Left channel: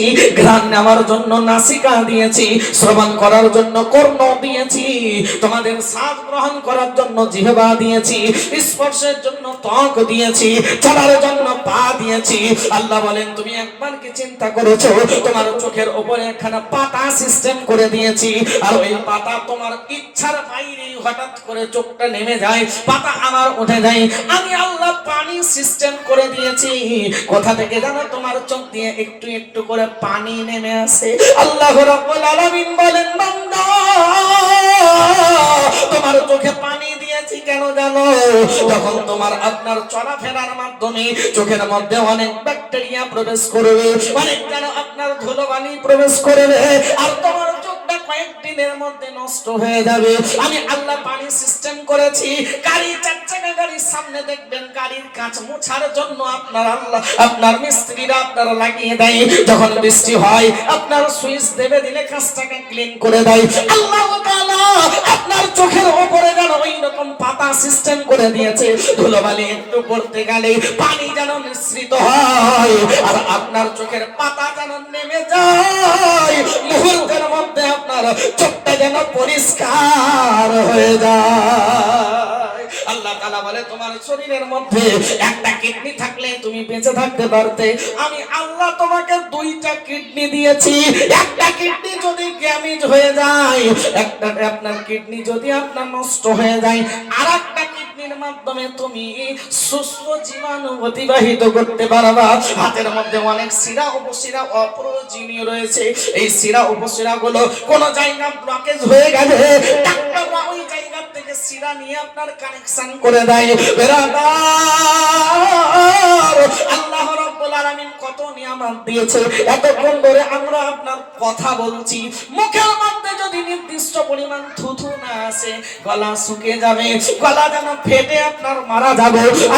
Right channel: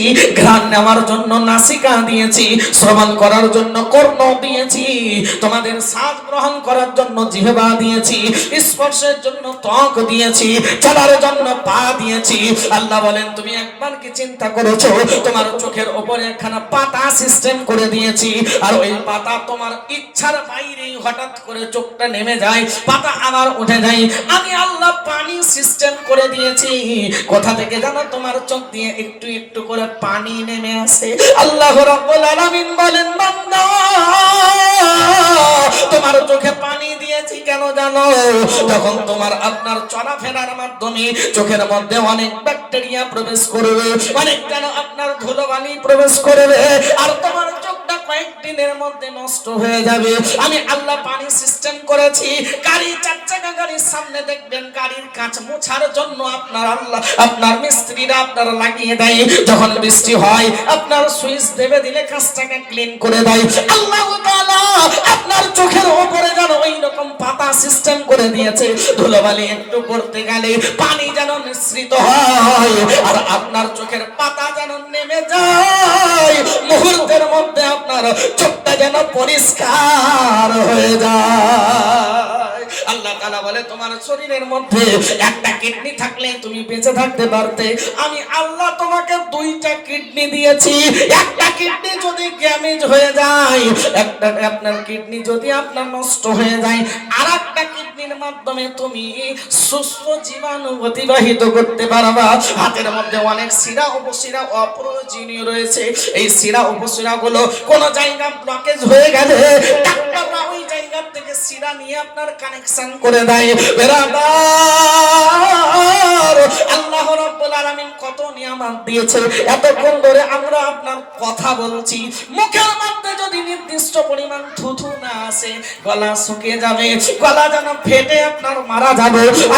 দিয়েছি, ঘ্রাণ নেওয়ার জন্য নাসিকা দিয়েছি, শ্রবণ করার জন্য কর্ণ দিয়েছি, তোমাদের শ্বাস গ্রহণ করার জন্য জিহবা দিয়েছি, স্পর্শের জন্য ত্বক দিয়েছি, চলার জন্য পা দিয়েছি। আল্লাহ বলেন, তুমি একবার কি চিন্তা করেছ? তোমার চোখের ওপরে একখানা পাতা সিস্টেম করে দিয়েছি, আর ওই পাতা তোমার ইচ্ছার বাইরেই হঠাৎ করে চোখটা নেমে যায়, পাতা আবার উঠে যায়। আমি আল্লাহ পানি সিস্টেম করে দিয়েছি। কোথা থেকে জানো তোমার চোখ দিয়ে একটু একটু করে পানি নেমে আসে। আল্লাহ রাব্বুল আলামিন বলেন, বান্দা, তোমার চোখে পানি দিয়েছি কেন জানো? যখন তোমার আপনার চলাফেরার মাধ্যমে চোখের মধ্যে অনেক ব্যাকটেরিয়া প্রবেশ করবে, অনেক যেন আপনার ধুলোবালি প্রবেশ করবে, আর তোমার চোখটা কয়েকদিনের মধ্যে নষ্ট হয়ে যাবে। আমি আল্লাহ পানি সিস্টেম করেছি চাকা গাড়ির সামনে দেখবেন গাড়ির কাঁচ মোছার জন্য আপনার আল্লাহ, আপনার মিস্ত্রিরা আপনারা লাগিয়ে দেয়। যখন বৃষ্টি হয়, আপনার সুইচ দেবে দিলে কাঁচটাকে ক্লিন করে দেয়। আল্লাহ আপনার চোখের উপরে যেন ওই রকম পাতা সিস্টেম করে দিয়েছে। ধুলোবালি একটু পড়তে গেলে পানি যেন মিশ্রিত হয়, আর আপনার চোখের পাতা যেন নেমে যায়। মুহূর্তের মধ্যে আপনার চোখটা যেন পরিষ্কার হয়ে যায়। তাআলা বলে, তোমার শরীরের মধ্যে একটা কিডনি থাকলে তুমি বেঁচে থাকতে পারতে। আমি আল্লাহ তোমাকে দুইটা কিডনি দিয়েছি। একটা কিডনি যদি ড্যামেজ হয়ে যায়, একটা, আপনার কিডনি যদি আপনার নষ্ট হয়ে যায় আর কিডনির মাধ্যমে তুমি সুস্থ জীবাণু অতিবাহিত করতে পারবা। হাতের মধ্যে অনেক শিরা উপশিরা অপ্রয়োজনীয় রয়েছে। এই শিরা উপশিরা গুলো কোন জায়গা ব্লকেজ হয়ে গেলে ডাক্তাররা ওই জায়গা থেকে শিরা নিয়ে আপনার কানেকশন করে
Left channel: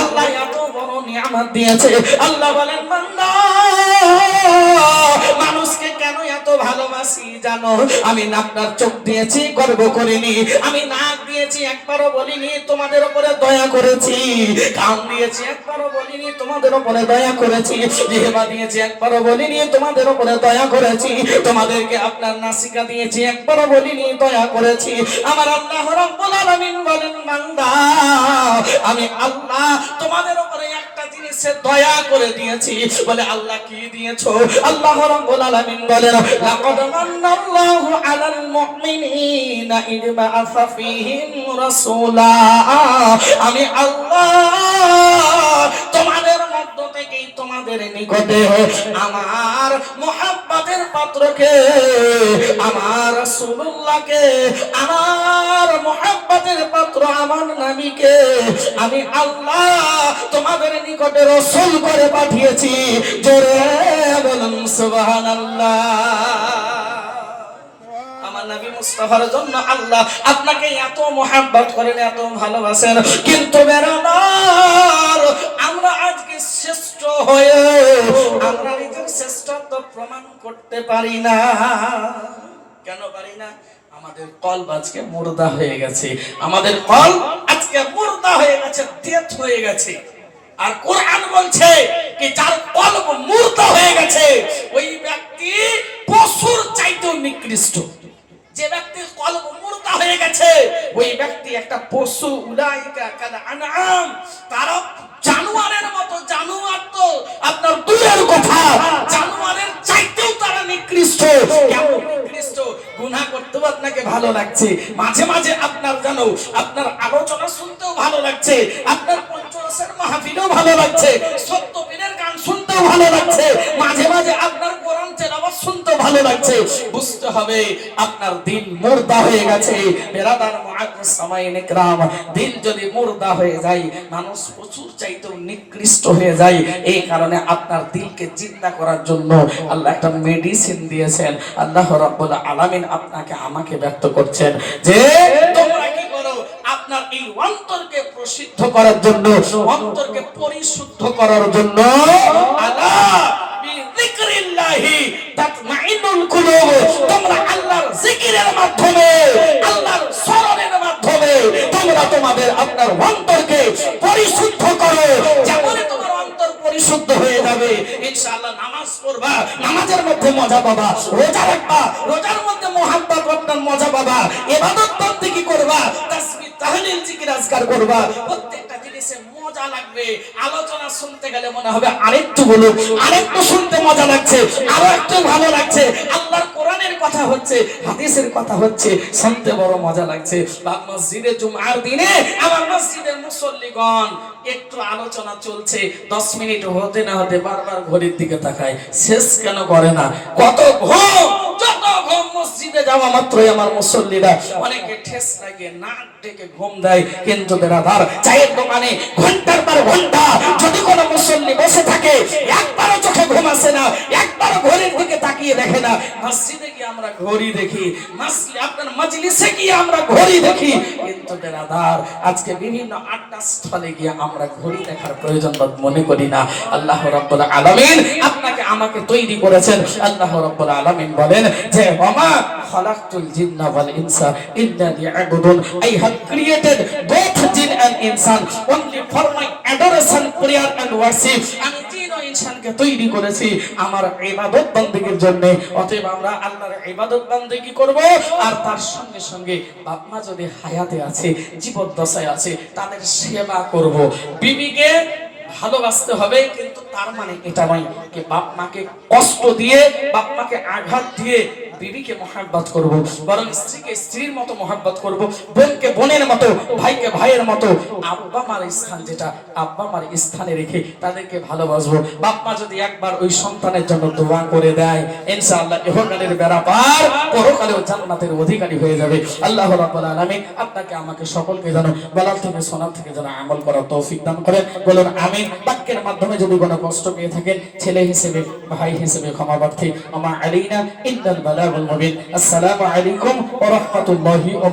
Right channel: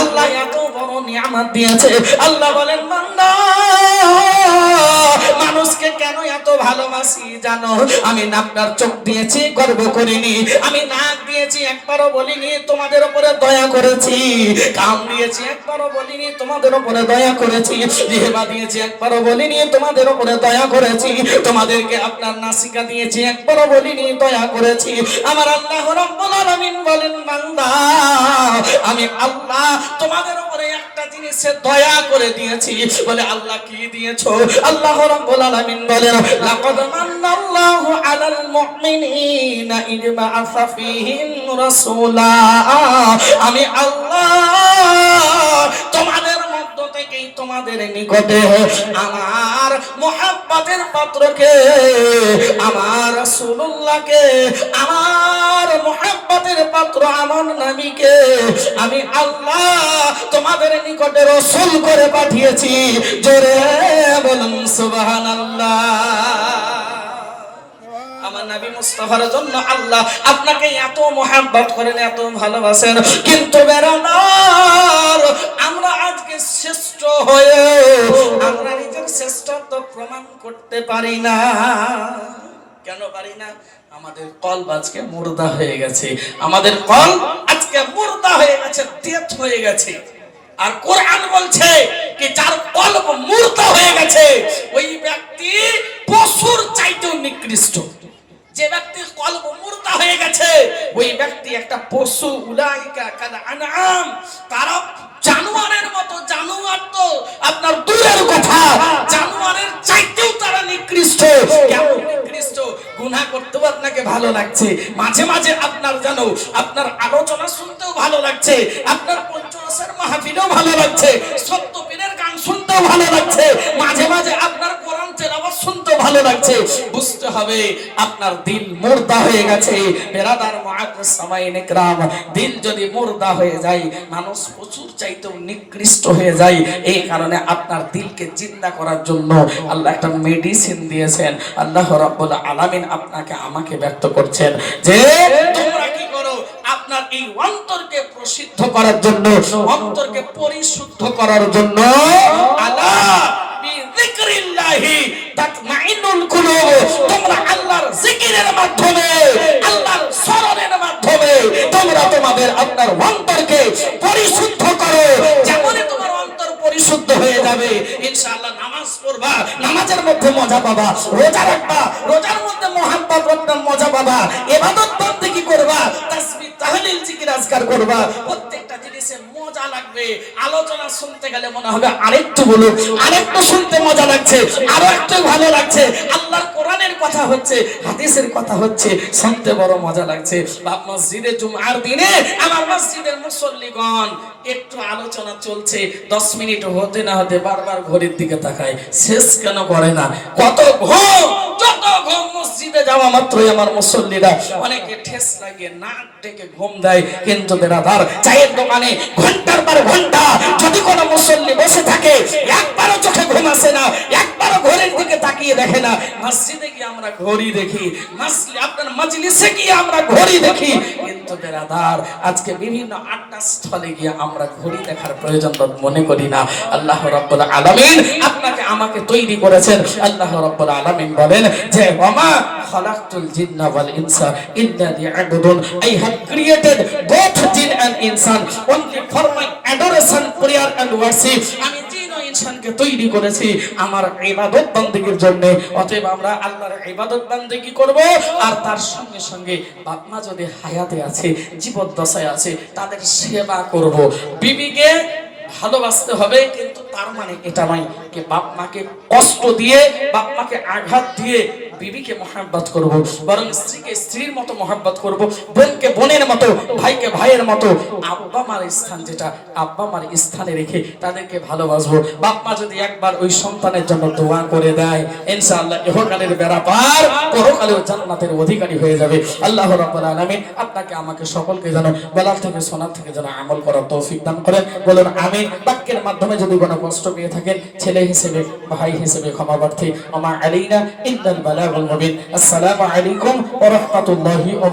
আল্লাহ না এত বড় দিয়েছে। আল্লাহ বলেন মানুষকে কেন এত ভালোবাসি জানো? আমি না আপনার চোখ দিয়েছি, গর্ব করিনি। আমি নাক দিয়েছি একবারও বলিনি তোমাদের উপরে দয়া করেছি। কাম দিয়েছি একবারও বলিনি তোমাদের উপরে দয়া করেছি। জিহবা দিয়েছি, একবারও বলিনি তোমাদের উপরে দয়া করেছি। তোমাদেরকে আপনার নাসিকা দিয়েছি, একবারও বলিনি দয়া করেছি। আমার আল্লাহ রাব্বুল বলেন, বান্দা, আমি আল্লাহ তোমাদের উপরে একটা জিনিসে দয়া করে দিয়েছি। বলে, আল্লাহ কি দিয়েছ? আল্লাহ রব্বুল আলামিন বলেন, লাকাদ মান্নাল্লাহু আলাল মুমিনিনা ইদ বাআসা রাসূলা। আমি আল্লাহ থেকেই তোমাদের নিকটে আমার মোহাব্বতের পাত্রকে আমার রাসূলুল্লাহকে আমার মোহাব্বতের পাত্র আমার নবীকে আমি আল্লাহ তোমাদের নিকটে রসুল করে পাঠিয়েছি। জোরে বলুন সুবহানাল্লাহ। আমার নবী মুস্তাফার জন্য আল্লাহ আপনাকে এত মোহাব্বত করেন এত ভালোবাসেন কিন্তু বেড়ানোর শ্রেষ্ঠ হয়ে আমরা নিজের শ্রেষ্ঠত্ব প্রমাণ করতে পারি না। কেন পারি না? আমাদের কল আজকে মুর্দা হয়ে গেছে। আমাদের কল আজকে মুর্দা হয়ে গেছে, ডেথ হয়ে গেছে। আর কোরআন বলছে কি, যার কলব মুর্দা হয়ে গেছে, ওই ব্যক্তি পশুর চাইতেও নিকৃষ্ট। যে ব্যক্তির কলব মুর্দা হয়ে গেছে, ওই ব্যক্তি একটা পশু, উলাইকা কাল আনআম। তারা জানোয়ারের মতো, জানোয়ার তো আপনার দূরের কথা। জানোয়ারের চাইতেও তারা নিকৃষ্ট। নিকৃষ্ট? আপনাকে ভালো লাগছে। মাঝে মাঝে আপনার জানো আপনার আলোচনা শুনতেও ভালো লাগছে। আপনার পঞ্চরসের মাহফিলেও ভালো লাগছে। সত্য পীরের গান শুনতেও ভালো লাগছে। মাঝে মাঝে আপনার কোরআন শুনতেও ভালো লাগছে। হবে। আপনার দিল মুর্দা হয়ে গেছে। বেরাদার ইকরাম দিল যদি মুর্দা হয়ে যায়, মানুষ প্রচুর চাইতেও নিকৃষ্ট হয়ে যায়। এই কারণে আপনার দিলকে জিন্দা করার জন্য আল্লাহ একটা মেডিসিন দিয়েছেন। আল্লাহ রাব্বুল আলামিন আপনাকে আমাকে ব্যক্ত করছেন। যে তোমরা কি করো? আপনার এই অন্তরকে প্রসিদ্ধ করার জন্য, অন্তরকে পরিশুদ্ধ করার জন্য আল্লাহ আপনার অন্তরকে পরিশুদ্ধ করো। যেমন তোমার অন্তর পরিশুদ্ধ হয়ে যাবে, ইনশাআল্লাহ নামাজ পড়বা, নামাজের মধ্যে মজা পাবা, রোজা রাখবা, রোজার মধ্যে মহাব্বত রক্ষার মজা পাবা, ইবাদত কি করবা তাসবিহ তাহলিল জিকির মজা লাগবে। আলোচনা শুনতে গেলে মনে হবে আরেকটু বলুন, আরেকটু শুনতে মজা লাগছে, আরও একটু ভালো লাগছে। আল্লাহর কোরআনের কথা হচ্ছে, হাদিসের কথা হচ্ছে, শুনতে বড় মজা লাগছে। বাপ মসজিদে জুমার দিনে আমার মসজিদের মুসল্লিগণ একটু আলোচনা চলছে, দশ মিনিট হতে না হতে বারবার ঘড়ির দিকে তাকায়। শেষ কেন করে না? কত ঘুম! মসজিদে যাওয়া মাত্রই আমার মুসল্লিরা অনেকে ঠেস লাগে নাক ডেকে ঘুম দেয়। কিন্তু বেড়াদার চায়ের দোকানে ঘণ্টার পর ঘণ্টা যদি কোনো মুসল্লি বসে থাকে, একবারও চোখে ঘুম আসে না, একবারও ঘড়ির দিকে তাকিয়ে দেখে না। মসজিদে গিয়ে আমরা ঘড়ি দেখি। আপনার মজলিসে গিয়ে আমরা ঘড়ি দেখি। কিন্তু বেড়াদার আজকে বিভিন্ন আড্ডা স্থলে গিয়ে আমরা ঘড়ি দেখার প্রয়োজন মনে করি না। আল্লাহ রাব্বুল আলামিন আপনাকে আমাকে তৈরি করেছেন। আল্লাহ রাব্বুল আলামিন বলেন যে ওমা খালাকতুল জিন্না ওয়াল ইনসা ইল্লা লিয়াবুদুন। I have created both jinn and insan. Only for my adoration prayer and worship আমি ইনসানকে তৈরি করেছি আমার ইবাদত বান্দিগির জন্য। অতএব আমরা আল্লাহর ইবাদত বান্দিগি করব? আর তার সঙ্গে সঙ্গে বাপমা যদি হায়াতে আছে, জীবদ্দশায় আছে, তাদের সেবা করব। বিবিকে ভালোবাসতে হবে, কিন্তু তার মানে এটা নয় যে বাপ মাকে কষ্ট দিয়ে বাপ মাকে আঘাত দিয়ে বিবিকে মহাব্বত করব, বরং স্ত্রীকে স্ত্রীর মতো মহাব্বত করব, বোনকে বোনের মতো, ভাইকে ভাইয়ের মতো। আব্বা মার স্থান যেটা, আব্বা মার স্থানে রেখে তাদেরকে ভালোবাসবো। বাপ মা যদি একবার ওই সন্তানের জন্য দোয়া করে দেয়, ইনশাআল্লাহ ইহকালের বেড়া পার, পরকালেও জান্নাতের অধিকারী হয়ে যাবে। আল্লাহ রাব্বুল আলামিন আপনাকে, আমাকে সকলকে যেন বলার থেকে শোনার থেকে যেন আমল করার তৌফিক দান করেন। বলুন, আমিন। বাক্যের মাধ্যমে যদি কোনো কষ্ট পেয়ে থাকেন, ছেলে হিসেবে, ভাই হিসেবে ক্ষমা প্রার্থী, আমা আলাইনা ইল্লাল মুবিন আসসালামু আলাইকুম ওয়া রাহমাতুল্লাহি ওয়া